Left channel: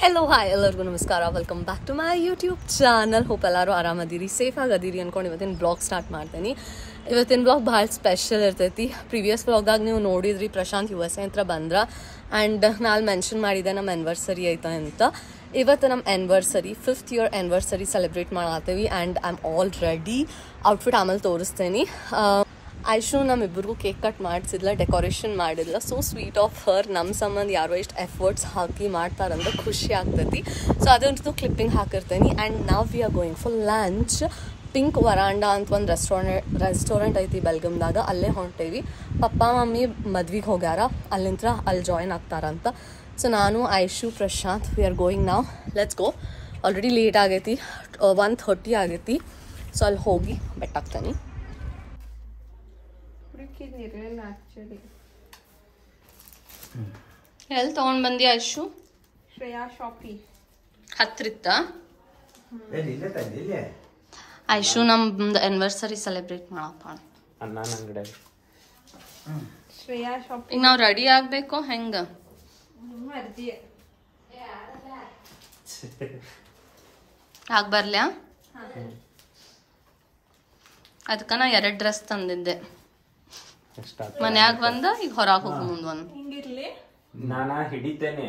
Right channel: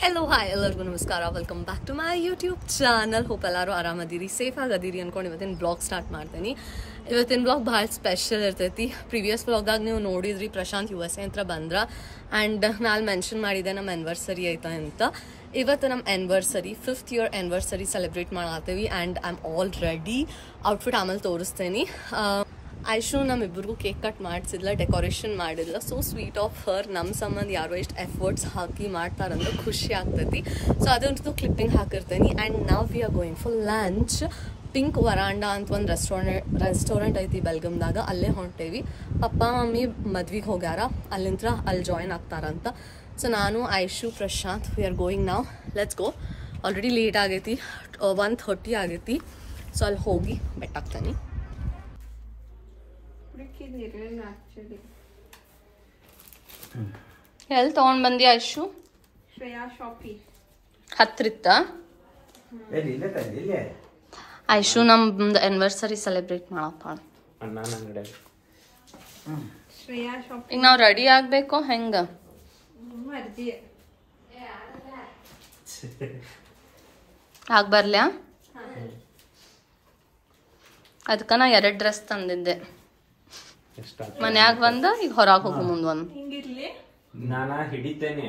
Hello hi ಎಲ್ಲರಿಗೂ ನಮಸ್ಕಾರ. Welcome back to my YouTube channel. Hope ಎಲ್ಲರೂ ಆರಾಮದಿರಿ, ಸೇಫ್ ಆಗದಿರಿ ಅನ್ಕೊಂಡು ಇವತ್ತಿನ ಬ್ಲಾಗ್ ಸ್ಟಾರ್ಟ್ ಮಾಡ್ತೀನಿ. ಇವತ್ತಿನ ಬ್ಲಾಗ್ ಭಾಳ ಸ್ಪೆಷಲ್ ಇರ್ತೈತಿ. ಪ್ರೀವಿಯಸ್ ಬ್ಲಾಗ್ದಾಗ ನೀವು ನೋಡಿದ್ರಿ ಪ್ರಶಾಂತ್ USA ಅಂತ ಬಂದ್ರ ಆ್ಯಂಡ್ ನಾನು ಮೆನ್ಷನ್ ಮಾಡಿದ್ದೆ ನಮ್ಮ ಆ್ಯನಿವರ್ಸರಿ ಐತೆ ಅಂತ. ಇವತ್ತು ನಮ್ಮ anniversary 5th year anniversary celebrate ಮಾಡತ್ತೀವಿ and I am all ready. Outfit ಆಮೇಲೆ ತೋರಿಸ್ತೇನೆ. ಐಶು ನಮ್ಮಿಬ್ಬರಿಗೂ ಕೇಕ್ ಕಟ್ ಮಾಡಿಸಿದ್ಲ, ಡೆಕೋರೇಷನ್ ಮಾಡಿದ್ಲ. So sweet of her. ನಮ್ಮ ಸಂಬಂಧ ಯಾರೋ ಎಷ್ಟು ಎಫರ್ಟ್ಸ್ ಹಾಕಿ ಮಾಡ್ತಾರಂದ್ರೆ ಖುಷಿ ಆಗ್ತೈತಿ. ಸೊ ಅದಂತೂ ಕ್ಲಿಪ್ಪಿಂಗ್ ಹಾಕಿರ್ತೇನೆ. ಆ್ಯಂಡ್ ನಾವು V are going for lunch. Pink verandah ಅಂತ ಒಂದು ರೆಸ್ಟೋರೆಂಟ್ ಐತಿ ಬೆಲ್ಗಮ್ದಾಗ, ಅಲ್ಲೇ ಹೊಂಟೇವಿ. ಪಪ್ಪ ಮಮ್ಮಿ ಮದ್ವಿಗೆ ಹೋಗ್ಯಾರ, ಅಲ್ಲಿಂದ ಅಲ್ಲಿ ಜಾಯಿನ್ ಆಗ್ತಾರಂತ. ಸೊ ನಾನು Aishu Prashant we are going ನಾವು. Let's go. ಆಲ್ರೆಡಿ ಲೇಟ್ ಆಗೈತಿ, 1:30 ಆಗೈತಿ. ಸೊ ಅಲ್ಲಿ ಹೋಗಿ ಬೆಟ್ಟಾಗ್ತೇನೆ. ಎಲ್ಲಿ ತಗೊಂಡ್ ಬಂದಿ ಐಶು? ಹತ್ರಿತ್ತ ಐಶು ನಮ್ದು ಆನಿವರ್ಸರಿ ಸೆಲೆಬ್ರೇಟ್ ಮಾಡಪ್ಪ. ಈಗ ನಾವ್ ರೆಡಿ ಆಗ್ಬೇಕು ಹೆಂಗ? ಆಗ್ಬರ್ಲ್ಯಾ? ಅದಕ್ಕ ನಾ 2 ಡ್ರೆಸ್ ತಂದಿದ್ದೆ. ಮನ್ಯಾಗ ಬಂದ ಈಗ ಹೊರಗೆ ಹೋಗು ಮುಂದ್ ಒಂದು ನಾನಾ ಹಿಡಿತೇನೆ.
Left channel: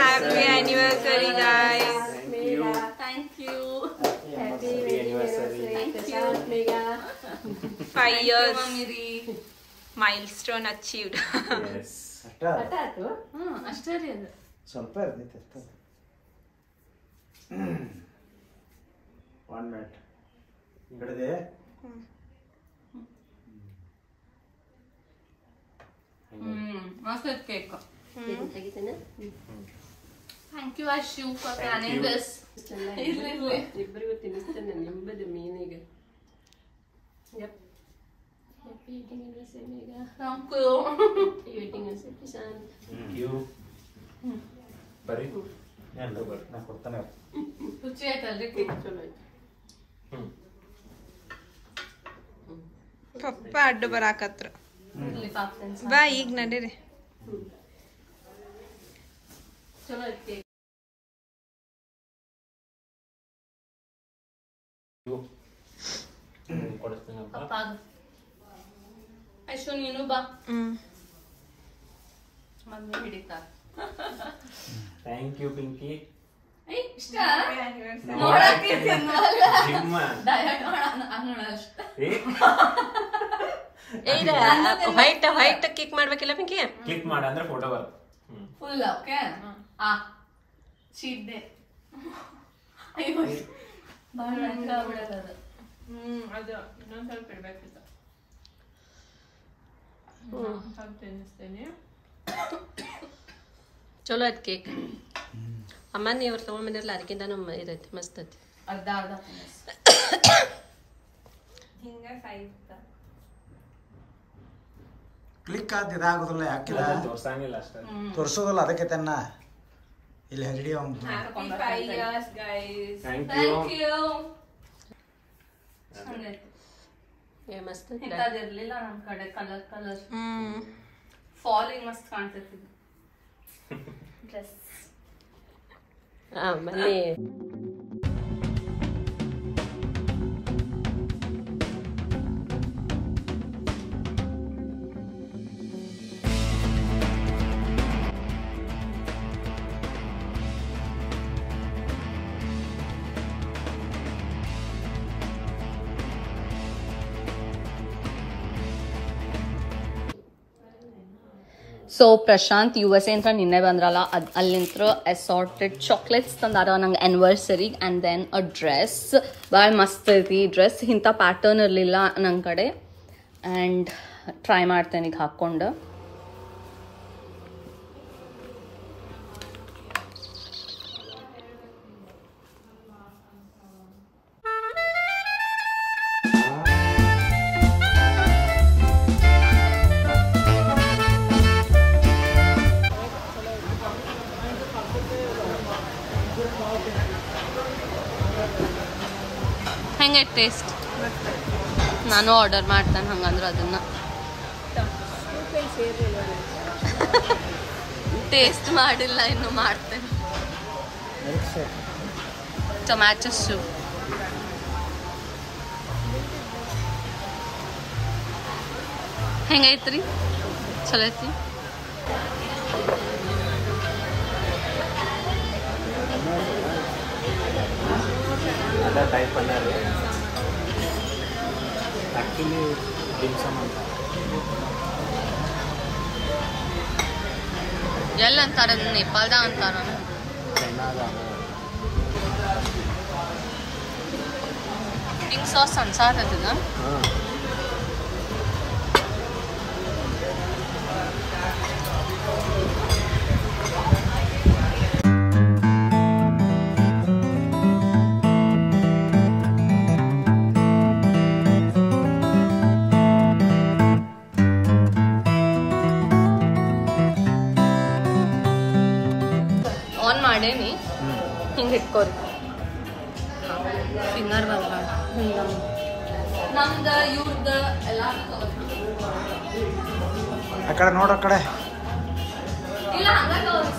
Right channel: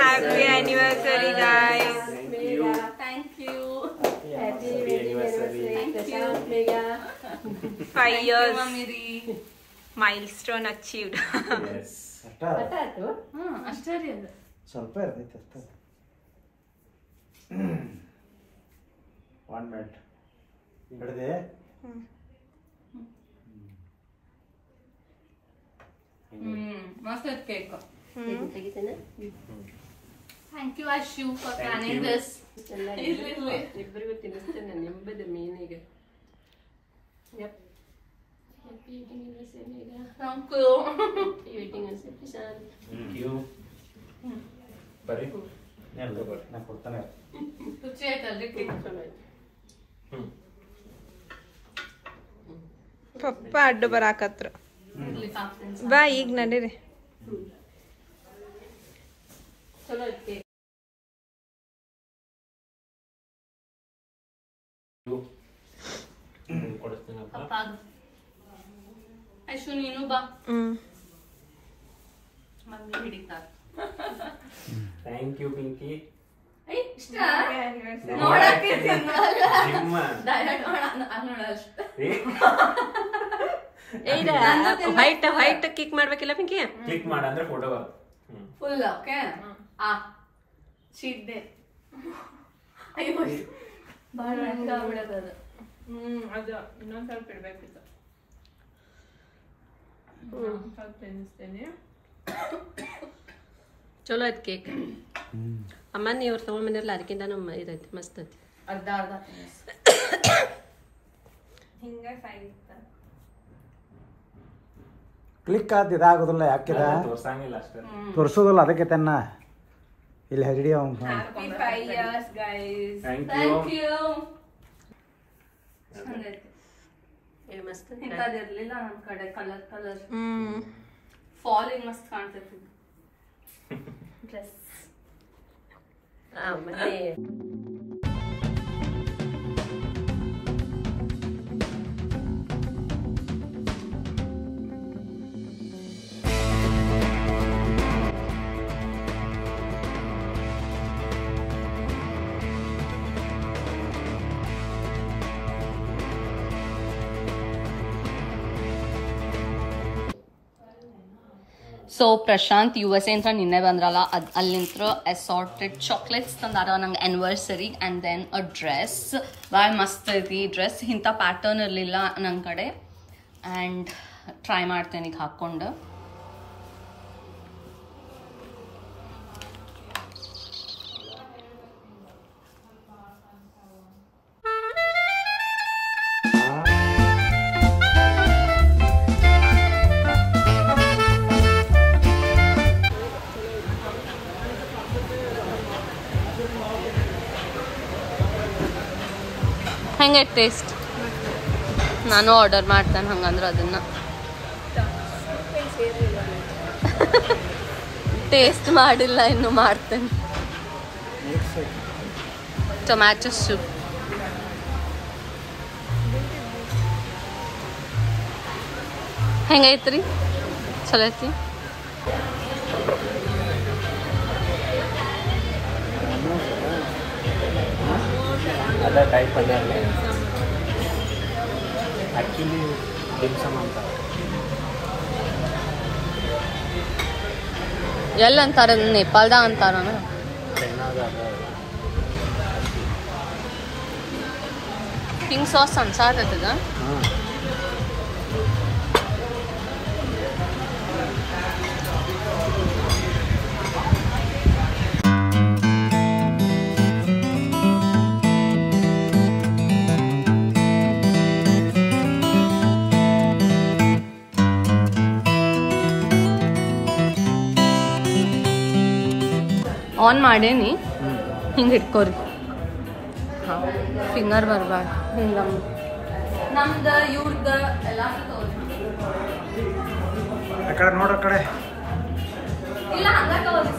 Happy anniversary, guys. Thank you. Happy anniversary. Thank you. 5 years milestone achieved. Yes. ಅಷ್ಟೇ ರೀ. ಅದು ಸ್ವಲ್ಪ ಇರ್ತೈತೆ ಅಷ್ಟೇ. 1 minute ಹಿಡಿದೆ. ಮಸ್ತ್ ಐತೆ cake. Thank you Aishu for planning this. ಇಬ್ಬರಿಗೂ ತಿನ್ನಿಸ್ತೇನೆ ನಿಂಬದು ಮೀನಿಗೆ. Thank you. ಬರ್ರಿ ನಾ ಕೊಡ್ತಾನೆ. ರುಚಿ ಆಯ್ತಲ್ರಿ ಕೇಕ್? ಚಲೋ ಐತೆ. ಪಪ್ಪ ಅಡ್ಡು ಬರಾಕತ್ರ. ಹಾಕ್ತೇನೆ. ಬಾ ಈಗ ನಡೀರಿ. ಚಲೋ ಐತೆ ಕೇಕ್. ಕೊಡಿಸ್ತೀನಿ. ಐಶು ನೀನು ಬಾ. ಮಮ್ಮಿ ಹಿಡಿತಾರ. Thank you Pinky. ಇಷ್ಟ ನೋಡಕ್ಕೆ ನಿಮ್ಮ ವೈಟ್ ಕಿಕ್ ಮಾಡ್ಬೇಕಿಲ್ಲ ಪಿಂಕಿ? ಕ್ಲಿಕ್ ಮಾಡ ಅಂದ್ರೆ ಫೋಟೋ ಬರುತ್ತೆ. Full okay. Cheat day. ಅಯ್ಯೋ ಬಹಳ ಆಗ್ಬಿಡೋದು. ಅದು ಇನ್ನೊಂದ್ ಸ್ವಲ್ಪ ಇಡ್ಬೇಕಿತ್ತು. ಸ್ವಲ್ಪ ತಿನ್ನಿಸ್ತೇನೆ. ಚಲೋ ಐತಿ ಕೇಕ್. ಅಮ್ಮ ನೀವ್ರು ತಗೊಂಡ್ ಬಂದಿರಲ್ಲ ಅದಕ್ಕಿಂತ ನಮ್ಮ ಇದೈತಿ ಮಸ್ತ್ ಐತಿ. ಅರ್ಧ ಹಿಂಗ ಸೈಜ್ ಕ್ಲಿಕ್ ಆದ ಇದಾಗೋದಿಲ್ಲ. ಯಾಕಿದ ತೋರ್ಸಂಗಿಲ್ಲ ಅಷ್ಟೇ, ತೋರಿಸೋದಿಲ್ಲ. ಅದಕ್ಕೆ ತನ್ನ ಇಲ್ಲಿ ಹೆಗಡಿ Happy 5 years, guys. Thank thank you. You. ಮಸ್ತ್ ಇಂಥದಿರ್ಲಿಲ್ಲ ನಮ್ ಕಡೆ. ಕಲರ್ ಫಾಲಿಂಗ್ ಮಸ್ತ್ ಕಾಣ್ತೈತಿ ಡ್ರೆಸ್. ಆಮೇಲೆ ಸೊ ಪ್ರಶಾಂತ್ USA ಅಂತ ನಿನ್ನೆ ಬಂದ್ರಲ್ಲ, ಅಲ್ಲಿಂತ್ರ ಅಸಾರ್ಟೆಡ್ ಚಾಕ್ಲೇಟ್ಸ್ ತಂದಾರ ನಂಗೆ anniversary. And then a dress ಭಾಳ ಮಸ್ತ್ ಐತಿ. ಡ್ರೆಸ್ ಇಂಥ ಪ್ಯಾಟರ್ನ್ ಇರಲಿಲ್ಲ ನನ್ನ ಕಡೆ. ಆ್ಯಂಡ್ ಟ್ರೈ ಮಾಡ್ತೇನೆ ಈಗ ಹಾಕ್ಕೊಂಡು. ಹೆಂಗೆ ಟೇಸ್ಟ್? ನಾನು ಆರ್ಡರ್ ಮಾಡ್ತೇನೆ ಹಂಗಂದ್ರೆ ಅದನ್ನ ಟೇಸ್ಟ್ ಮಾಡಿಲ್ಲ, ಇನ್ನು ಮಾಡ್ತೇನೆ. ಟೊಮ್ಯಾಟೊ ಸೂಪ್ ಹೆಂಗೈತ್ರಿ? ಚಲೋ ಐತಿ. ಆ್ಯಕ್ಚುಲಿ ಡಿಮ್ಸಮ್ ಅಂತ ಎಲ್ಲಿ ಅಂತಾರ? ನೇಪಾಳದಾಗ ಅಂತಾರ. ಚೈನಾದಾಗ ಪಿಂಕ್ ಸಾಸ್ ಅನ್ಸಾಕತ್ತದ. ಆನ್ ಮಾಡೇನಿ, ಹಿಂಗೆ ಇಟ್ಕೋರಿ, ಫಿಂಗರ್ ಬರಬಾರ್ದು. ಹಿಂಗೆ ನಮ್ದು ಇವ್ರದ್ದು ಎಲ್ಲ ಆ ಕಡೆ ನೋಡ್ರ ಕಡೆ. ಇಲ್ಲ ಹಂಗ ತಗೋರಿ.